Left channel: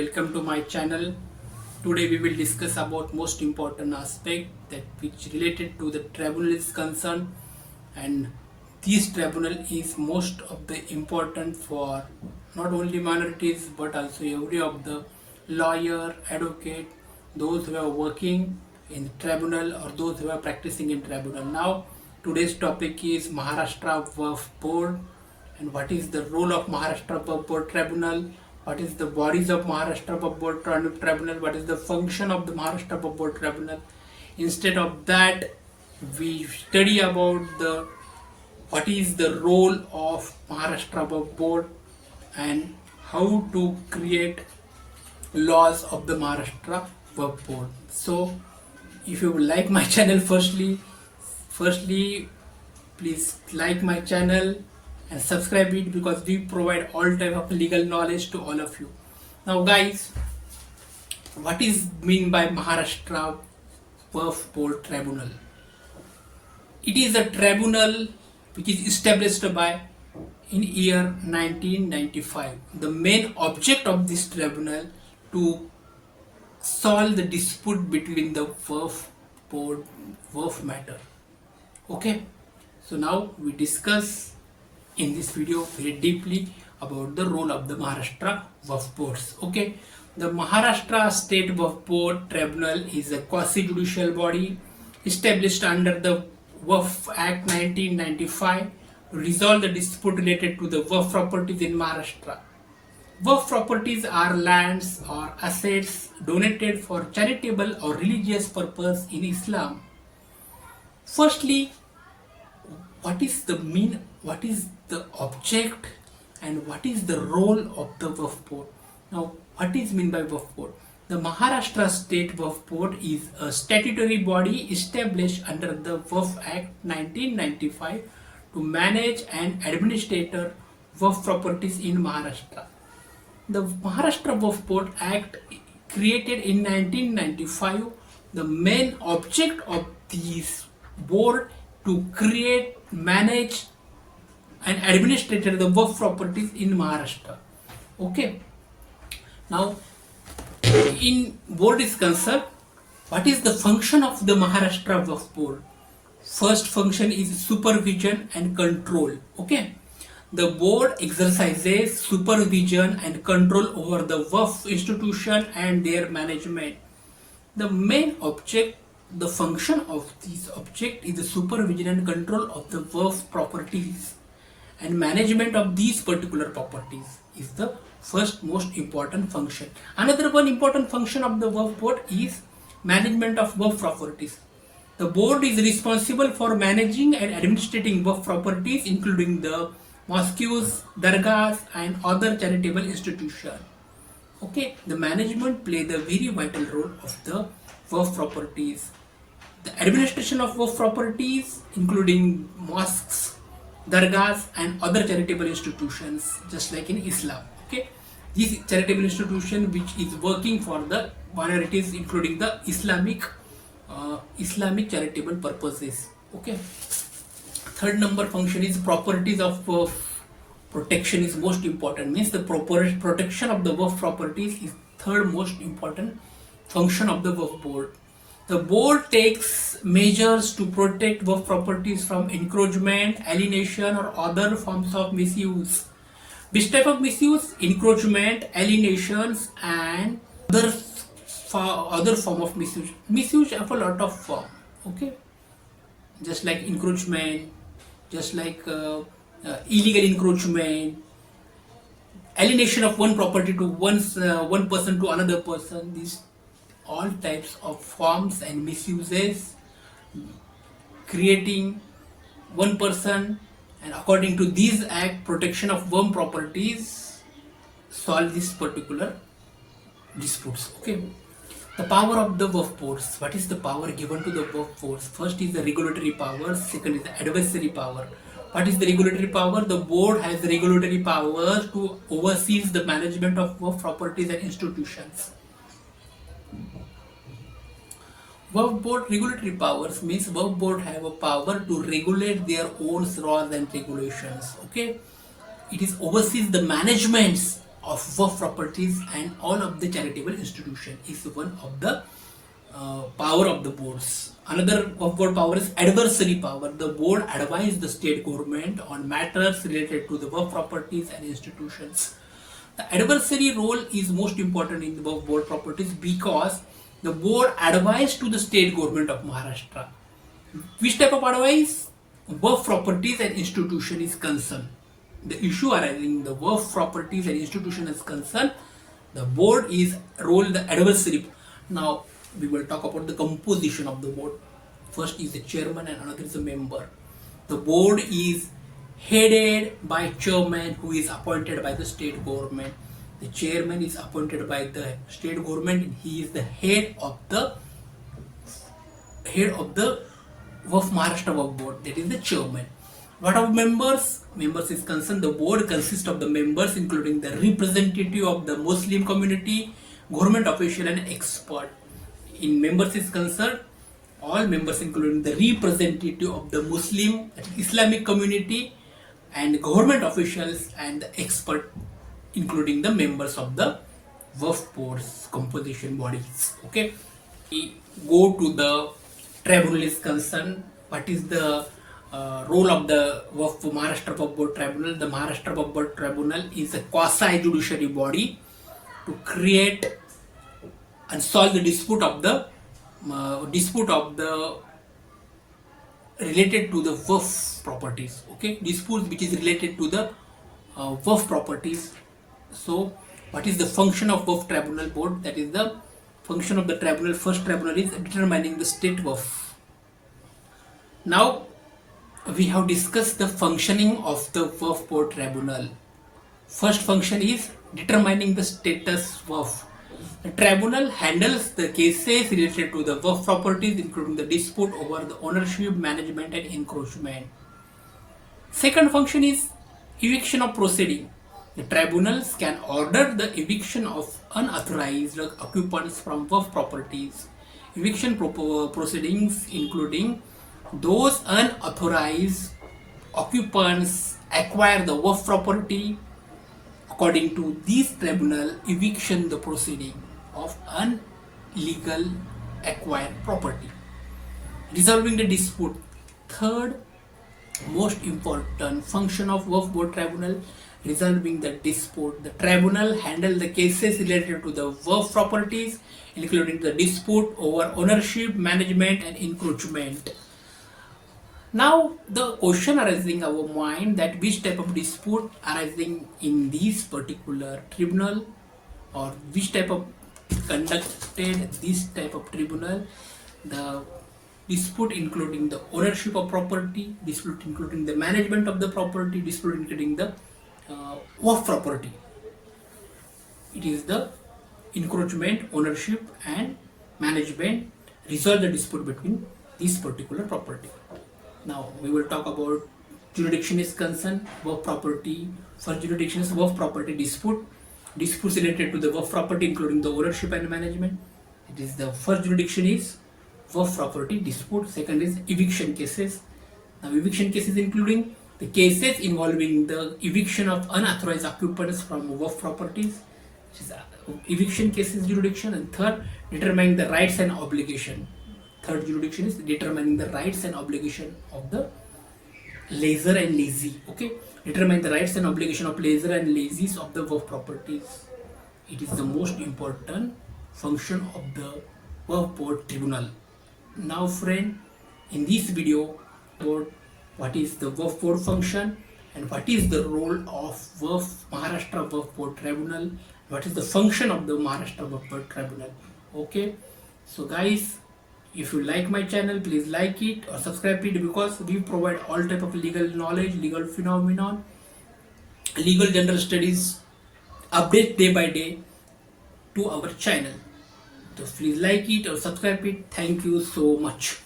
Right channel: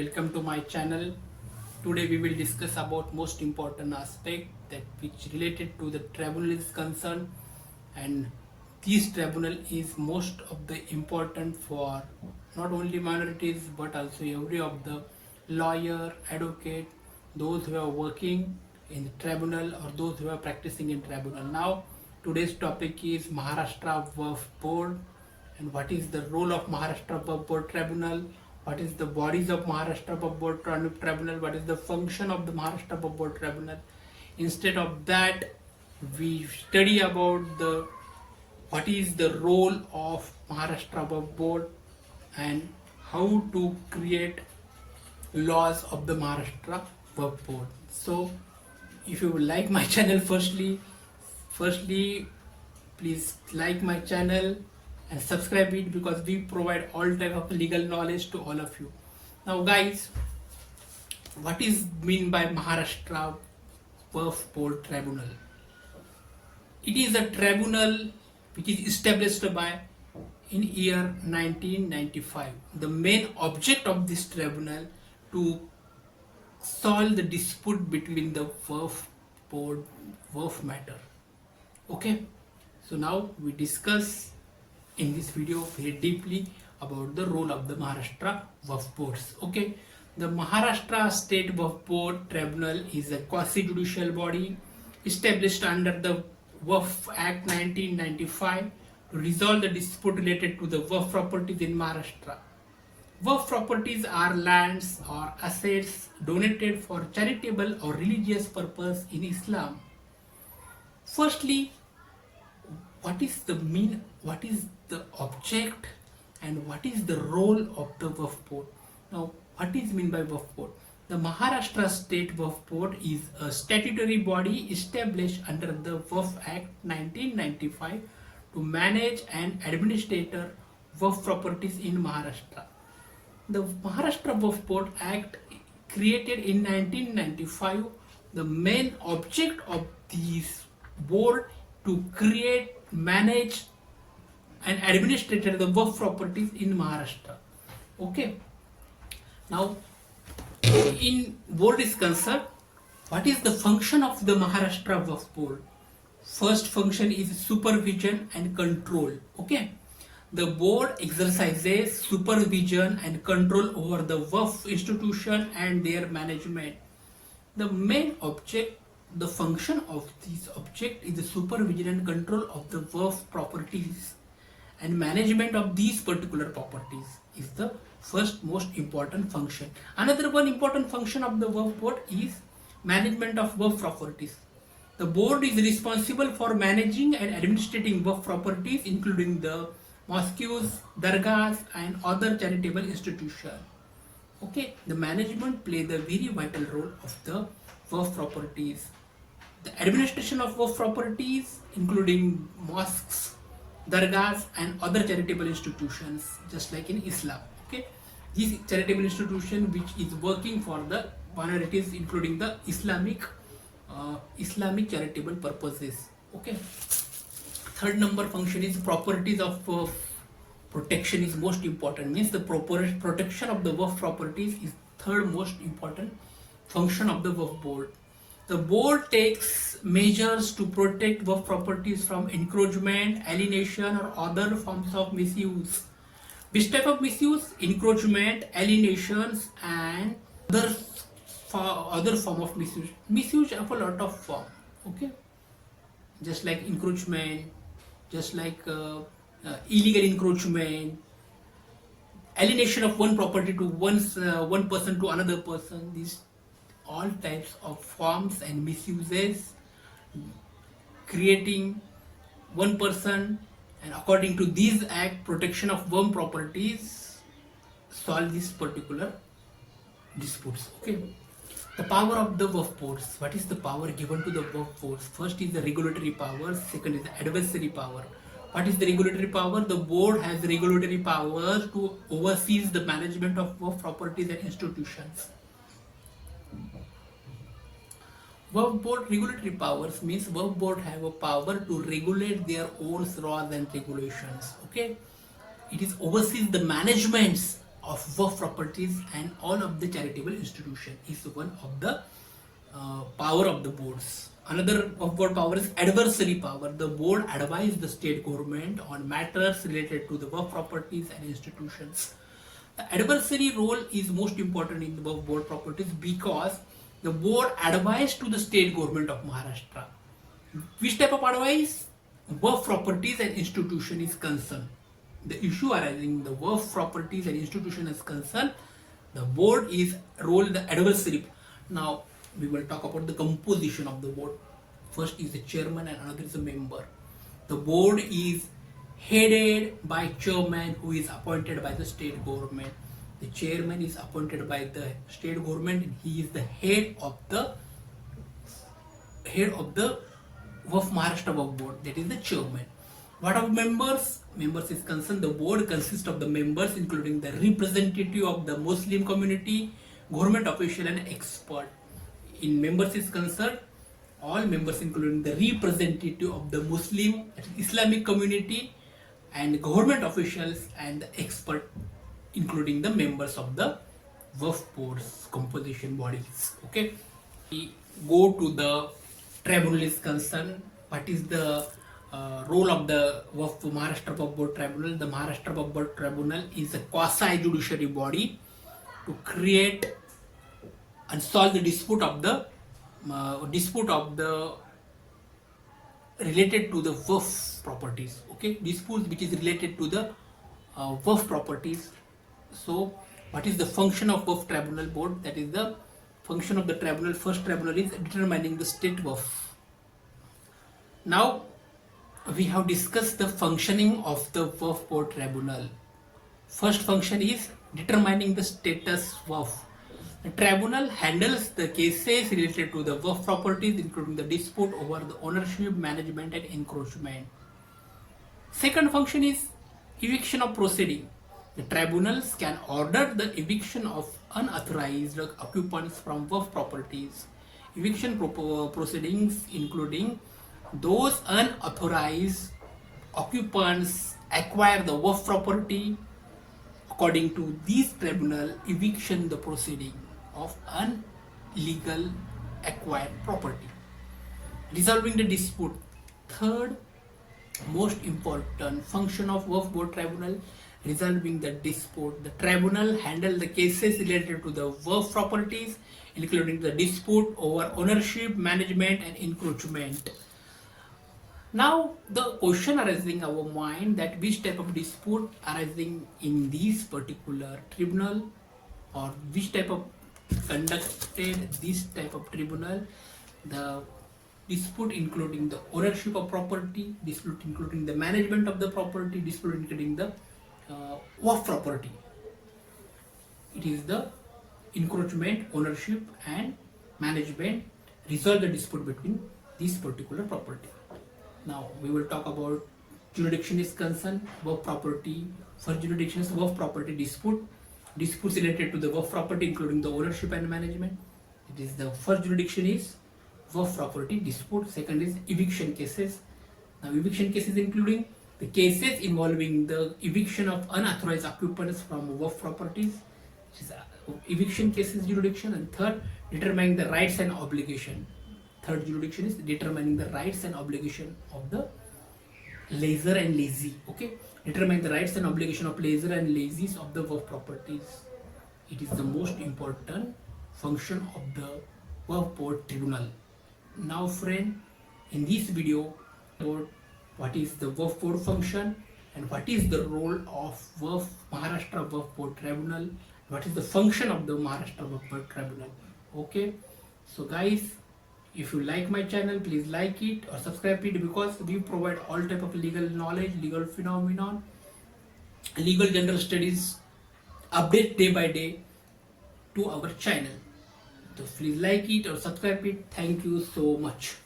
welcome to my channel. Today we will discuss about most important aspect that which related to the tribunal is concerned, and this tribunal is most of the important for not only minorities but also every of the lawyer, advocate, those who are working in tribunal or those who are practicing in tribunal. Now today's topic is Maharashtra Waqf Board, and what is the role of Maharashtra Waqf Board Tribunal, what is the bodies of Maharashtra Waqf Board Tribunal, what is the function of the Maharashtra Waqf Board Tribunal. Instead of that, we study about the what is the role of Maharashtra Waqf Board and how to create laws of the Maharashtra Waqf Board. So if you like my channel, firstly please like my channel and subscribe it, because we provide all type of legal knowledge to all of you. Now guys, what is mean by Maharashtra Waqf Board Tribunal? It is a tribunal which is established by in year 1995. The main object of this tribunal to solve the dispute between the Waqf Board Waqf matter. Okay, so now we discuss in this video very deeply about the role of the Maharashtra Waqf Boards. Okay, the Maharashtra State Waqf Board Tribunal is a quasi-judicial body established under the Waqf Act 1995 to resolve the dispute related to the Waqf properties in Maharashtra. Waqf properties are lands or assets donated for charitable or religious purpose in Islam. Firstly, what is the object and what is the role of the Waqf Board? Now, what is meant by Waqf Board? The Maharashtra State Waqf Board is a statutory body established under the Waqf Act 1995 to manage and administer Waqf properties in Maharashtra. The Maharashtra Waqf Board Act created in 1995, the main object of this board to create, manage and administer the Waqf properties in Maharashtra. Okay. Now, in board is concerned, what is the function of the Maharashtra Waqf Board? First function is supervision and control. Okay. The board exercises supervision and control over the Waqf institution and their management. The main object, the function of this object is the supervision and control of the Waqf properties, and management of these particular properties is the first most important function. Another one important function of the Waqf Board is management of Waqf properties. The board is responsible for managing and administrating Waqf properties, including the mosques, dargahs and other charitable institutions. Okay, the management play the very vital role of the Waqf properties. The administration of Waqf properties, including mosques, dargahs and other charitable institutions, just like in Islam. Okay, this charitable institution which is working for the minorities, including the Islamic charitable purposes. Okay. Third number function is properties of Waqf protection is most important. Means the proper protection of the Waqf properties is third most important function of the Waqf Board. The board takes measures to protect Waqf properties from encroachment, alienation or other forms of misuse. Which type of misuse? Encroachment, alienations and other form of misuse. Misuse have a lot of form. Okay, just like encroachment, just like illegal encroachment, alienation of one property to one person to another person. These all types of forms and misuses, creating one person, and according to these act, protection of one properties solve this particular disputes. Okay. The power of the Waqf Boards. What is the power given to the Waqf Boards? First is the regulatory power, second is the advisory power. What is the regulatory power? The board has regulatory powers to oversee the management of Waqf properties and institutions. Waqf Board regulatory powers means Waqf Board have a power to regulate their own laws and regulations. Okay, it is oversees the managements of waqf properties and all of the charitable institution is one of the power of the boards. Another of board power is advisory power. The board advises the state government on matters related to the waqf properties and institutions. The advisory role is most important in the board properties because the board advises to the state government of Maharashtra. Which type of advice? Waqf properties and institution is concerned. The issue arising the waqf properties and institution is concerned, the board is role the advisory. Now we will talk about the composition of the board. First is the chairman and another is the member. The board is headed by chairman who is appointed by the state government. The chairman is appointed by the state government and he is the head of the Waqf Maharashtra Waqf Board, that is the chairman. What of members? Members is concerned, the board consists of the members including the representative of the Muslim community, government official and expert. In members is concerned, all members including the representative of the Muslim Islamic community and government officials and the expert including the members of the waqf boards composition bodies. Okay, we go to the tribunal is concerned. What is the role of the Maharashtra Waqf Board Tribunal? The Maharashtra Waqf Board Tribunal is a quasi-judiciary body to create and solve the dispute of the related to the waqf properties. Okay, disputes which is related to the waqf properties. So, what is the function of waqf tribunal board? That is the function of the tribunal. First tribunal is determining the state waqf. Now we have discussed the functioning of the waqf board tribunal. First function is determining the status waqf. The tribunal handles the cases related to the waqf properties including the dispute over the ownership, management and encroachment. Second function is eviction of proceeding. The tribunals can order the eviction of unauthorized occupants from waqf properties. Eviction proceedings including those unauthorized occupants acquire the waqf property. According to this tribunal, eviction the proceeding of illegal acquired property. Resolving the dispute. Third most important function of waqf board tribunal, resolving the dispute. The tribunal handle the cases related to the waqf properties including the dispute over ownership, management and encroachment. Now the question arising our mind that which type of dispute arising in this particular tribunal or which type of conducted this type of tribunal. The dispute including the ownership of property, dispute including the management of the property, dispute including the waqf property. It is the encroachment, ownership and management resolve the dispute between this particular property. Now we will talk about jurisdiction is concerned, waqf property. First jurisdiction is waqf property dispute. Disputes related to the waqf property including the ownership and management. It is the first jurisdiction is waqf property dispute. Second is eviction cases. Now eviction cases including the cases involving the eviction of unauthorized occupants from waqf properties, which is eviction cases jurisdiction. And third, determining the rights and obligation. Third jurisdiction is determining the rights and obligation of the lessor and lessee. Okay, determine the rights and obligation of lessor and lessees of the waqf properties. It is the most important function of the waqf board tribunal. Now friend, in this video about what is the waqf board function and what is the role of Maharashtra Waqf Board Tribunal, what is the function of the Maharashtra Waqf Board Tribunal. Okay, so guys, if you like my channel, please like it or subscribe it because we provide all type of legal knowledge, legal phenomenon, legal general studies, update day by day to our channel. So please like it or subscribe it. Thank you so much.